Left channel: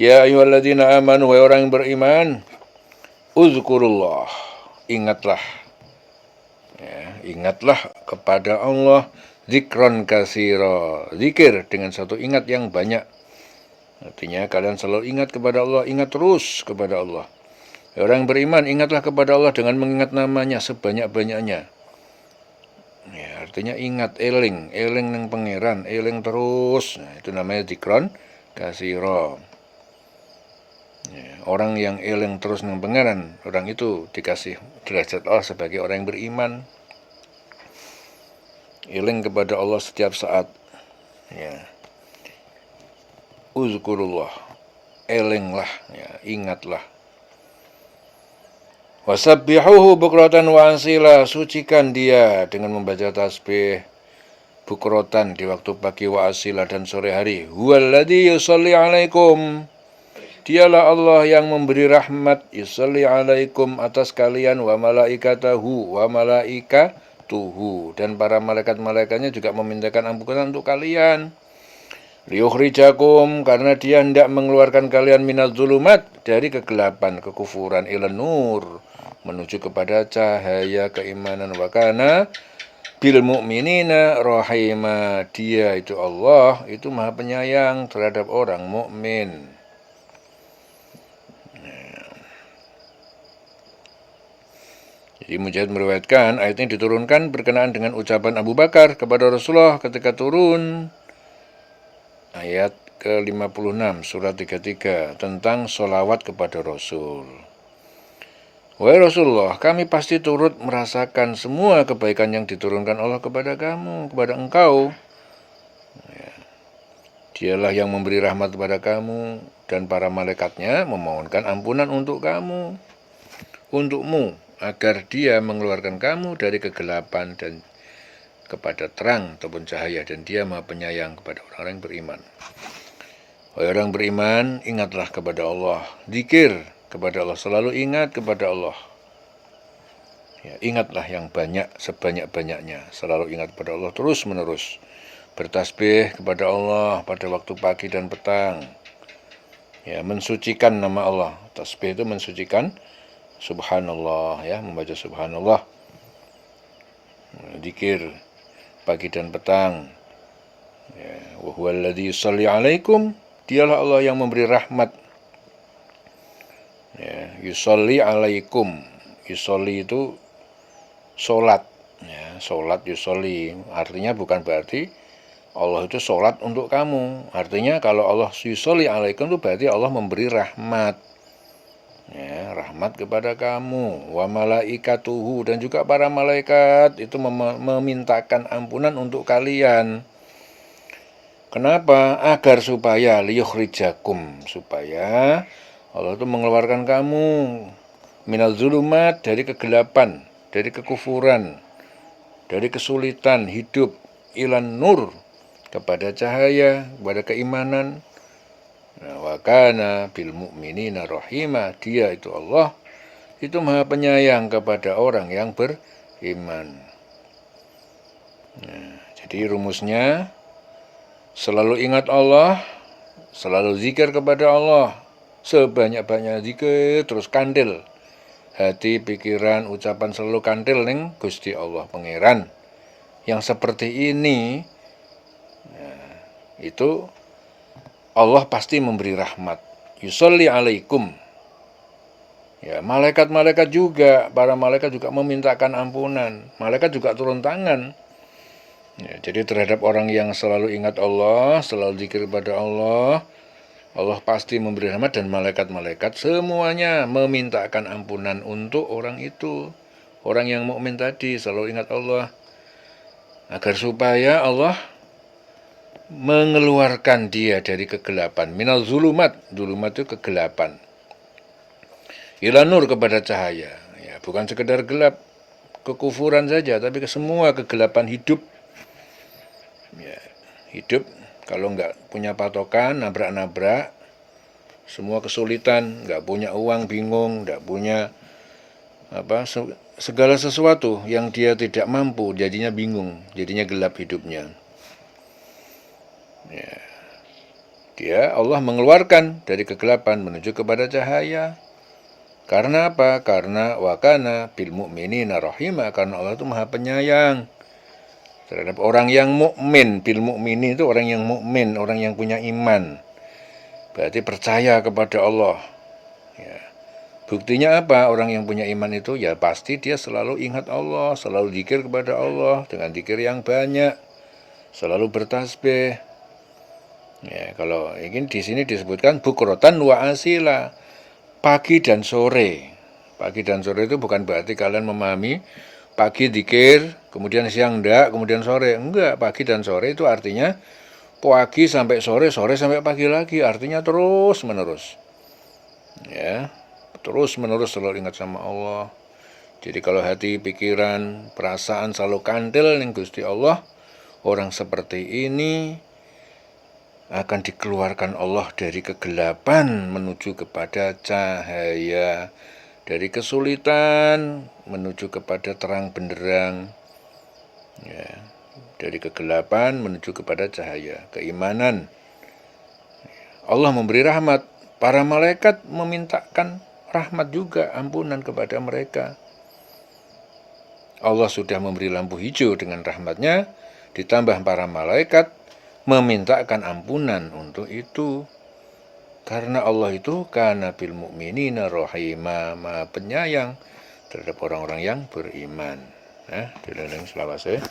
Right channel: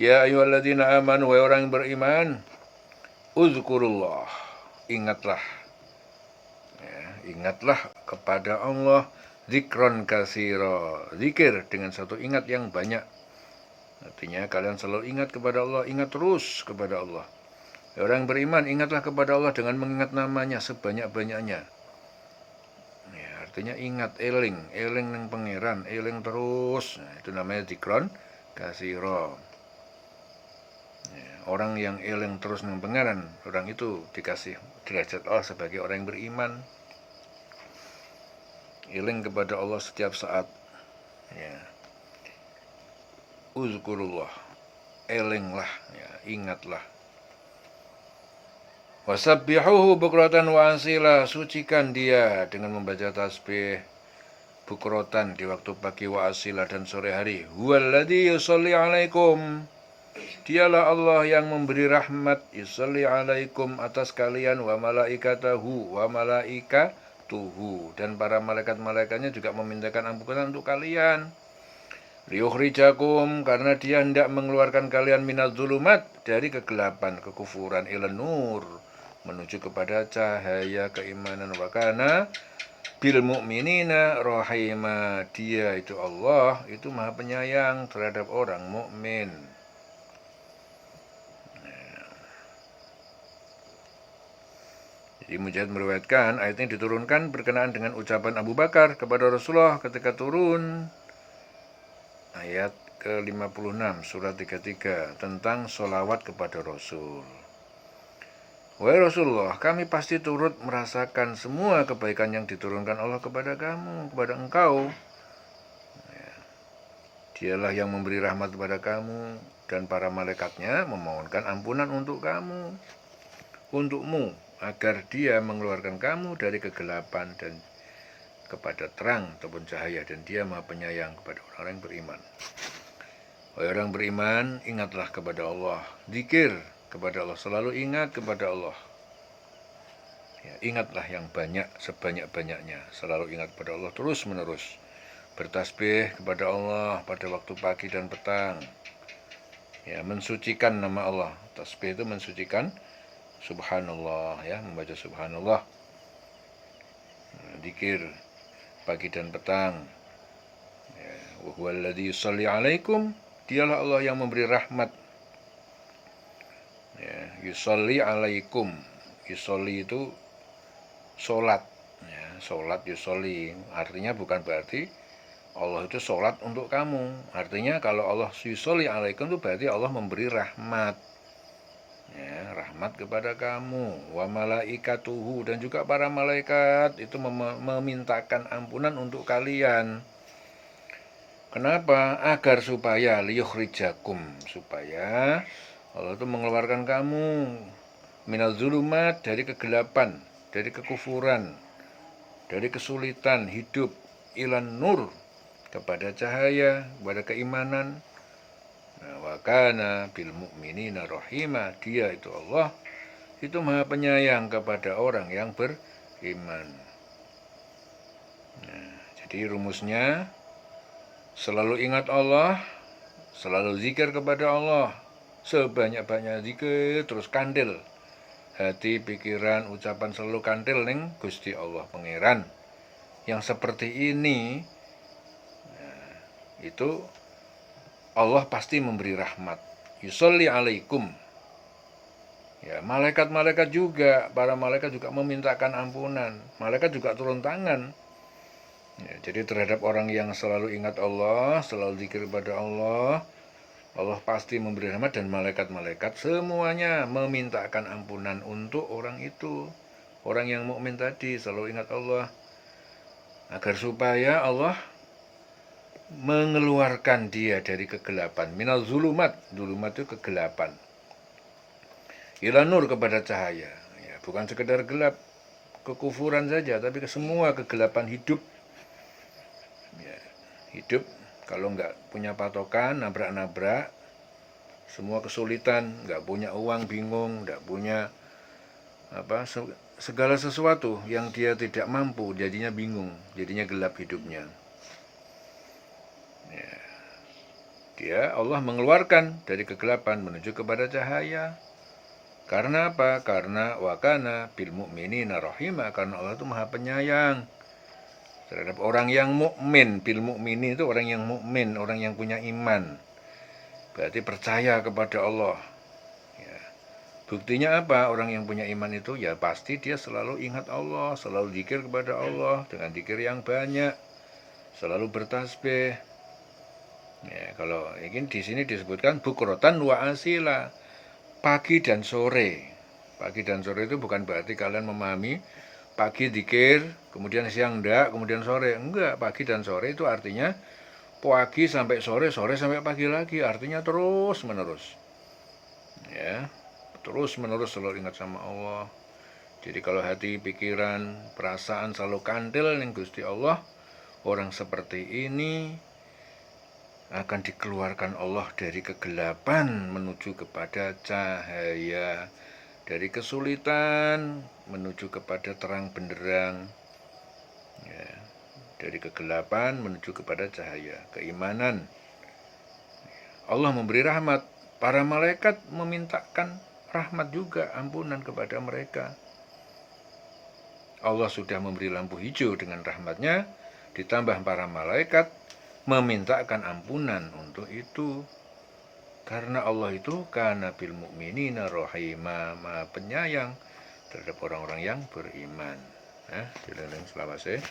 Ya ayyuhalladzina amanu, wahai orang yang beriman, uzkurullah, ingatlah, ingatlah kepada Allah, zikron kasiro, zikir dengan satu ingat yang banyak. Artinya kalian selalu ingat kepada Allah, ingat terus kepada Allah. Orang beriman, ingatlah kepada Allah dengan mengingat namanya sebanyak-banyaknya. Ya, artinya ingat, eling yang pangeran, eling terus. Nah, itu namanya zikron kasiro. Ya, orang yang eling terus nang pangeran, orang itu dikasih derajat Allah sebagai orang yang beriman. Eling kepada Allah setiap saat. Ya. Uzkurullah, elinglah, ya, ingatlah. Wasabbihuhu bukratan wa asila, sucikan dia dengan membaca tasbih bukrotan di waktu pagi wa asila dan sore hari. Huwaladzi yusalli alaikum, dialah Allah yang memberi rahmat, yusalli alaikum atas kalian, wa malaikatahu, wa malaikatuhu, dan para malaikat-malaikatnya juga memintakan ampunan untuk kalian. Liyukhrijakum, karena dia hendak mengeluarkan kalian minaz zulumat, dari kegelapan kekufuran, ilan nur, menuju kepada cahaya keimanan. Wa kana bil mu'minina rahima, dia itu Allah itu maha penyayang terhadap orang mukmin. Jadi Mujahid meriwayatkan ayat ini diturunkan berkenaan dengan ucapan Abu Bakar kepada Rasulullah ketika turun ayat ke-56 surat 33 tentang sholawat kepada Rasul. Wahai Rasulullah, kami pasti turut merasakan semua kebaikan yang diturunkan Allah kepada kamu, kepada engkau. Dialah yang memberi rahmat kepada kamu, dan para malaikatnya memohonkan ampunan untuk kamu, untukmu, agar dia mengeluarkan kamu dari kegelapan dan kepada terang ataupun cahaya, dan dia maha penyayang kepada orang-orang yang beriman. Wahai orang beriman, ingatlah kepada Allah, zikir kepada Allah, selalu ingat kepada Allah. Ya, ingatlah yang banyak, sebanyak-banyaknya, selalu ingat kepada Allah terus menerus. Bertasbih kepada Allah pada waktu pagi dan petang. Ya, mensucikan nama Allah. Tasbih itu mensucikan subhanallah, ya, membaca subhanallah. Zikir pagi dan petang. Ya, wa huwallazi yusalli alaikum, dialah Allah yang memberi rahmat. Ya, yusalli alaikum. Yusalli itu sholat. Ya, sholat yusolli, artinya bukan berarti Allah itu sholat untuk kamu. Artinya kalau Allah yusolli alaikum itu berarti Allah memberi rahmat. Ya, rahmat kepada kamu. Wa malaikatuhu, dan juga para malaikat itu memintakan ampunan untuk kalian. Kenapa? Agar supaya liyukhrijakum, supaya Allah itu mengeluarkan kamu minal zulumat, dari kegelapan, dari kekufuran, dari kesulitan hidup, ilan nur, kepada cahaya, kepada keimanan. Wa kana bil mu'minina rahima, dia itu Allah itu maha penyayang kepada orang yang beriman. Jadi rumusnya, selalu ingat Allah, selalu zikir kepada Allah, sebanyak-banyak zikir, terus kandil hati, pikiran, ucapan selalu kandil ning Gusti Allah pangeran. Yang seperti ini, itu Allah pasti memberi rahmat. Yusolli alaikum. Ya, malaikat-malaikat juga, para malaikat juga memintakan ampunan. Malaikat juga turun tangan. Ya, jadi terhadap orang yang selalu ingat Allah, selalu zikir kepada Allah, Allah pasti memberi rahmat, dan malaikat-malaikat semuanya memintakan ampunan untuk orang itu. Orang yang mukmin tadi selalu ingat Allah, agar supaya Allah mengeluarkan dia dari kegelapan. Minal zulumat, zulumat itu kegelapan. Ila nur, kepada cahaya. Ya, bukan sekedar gelap kekufuran saja, tapi ke semua kegelapan hidup. Ya, hidup kalau nggak punya patokan, nabrak-nabrak, semua kesulitan, nggak punya uang, bingung, nggak punya segala sesuatu yang dia tidak mampu, jadinya bingung, jadinya gelap hidupnya. Ya. Allah mengeluarkan dari kegelapan menuju kepada cahaya. Karena apa? Karena wakana bil mu'minina rahima, karena Allah itu Maha Penyayang terhadap orang yang mukmin. Bil mu'minin itu orang yang mukmin, orang yang punya iman. Berarti percaya kepada Allah. Ya. Buktinya apa? Orang yang punya iman itu ya pasti dia selalu ingat Allah, selalu zikir kepada Allah dengan zikir yang banyak, selalu bertasbih. Ya, kalau ini di sini disebutkan bukrotan wa asila, pagi dan sore. Pagi dan sore itu bukan berarti kalian memahami pagi zikir, kemudian siang enggak, kemudian sore. Enggak, pagi dan sore itu artinya pagi sampai sore, sore sampai pagi lagi, artinya terus menerus. Ya, terus menerus selalu ingat sama Allah. Jadi kalau hati, pikiran, perasaan selalu kandel ning Gusti Allah, orang seperti ini akan dikeluarkan Allah dari kegelapan menuju kepada cahaya, dari kesulitan menuju kepada terang benderang, ya, dari kegelapan menuju kepada cahaya, keimanan. Allah memberi rahmat, para malaikat memintakan rahmat juga, ampunan kepada mereka. Allah sudah memberi lampu hijau dengan rahmatnya, ditambah para malaikat memintakan ampunan untuk itu. Karena Allah itu kana bil mu'minina rahima, Maha Penyayang terhadap orang-orang yang beriman. Nah, dilendeng selawase.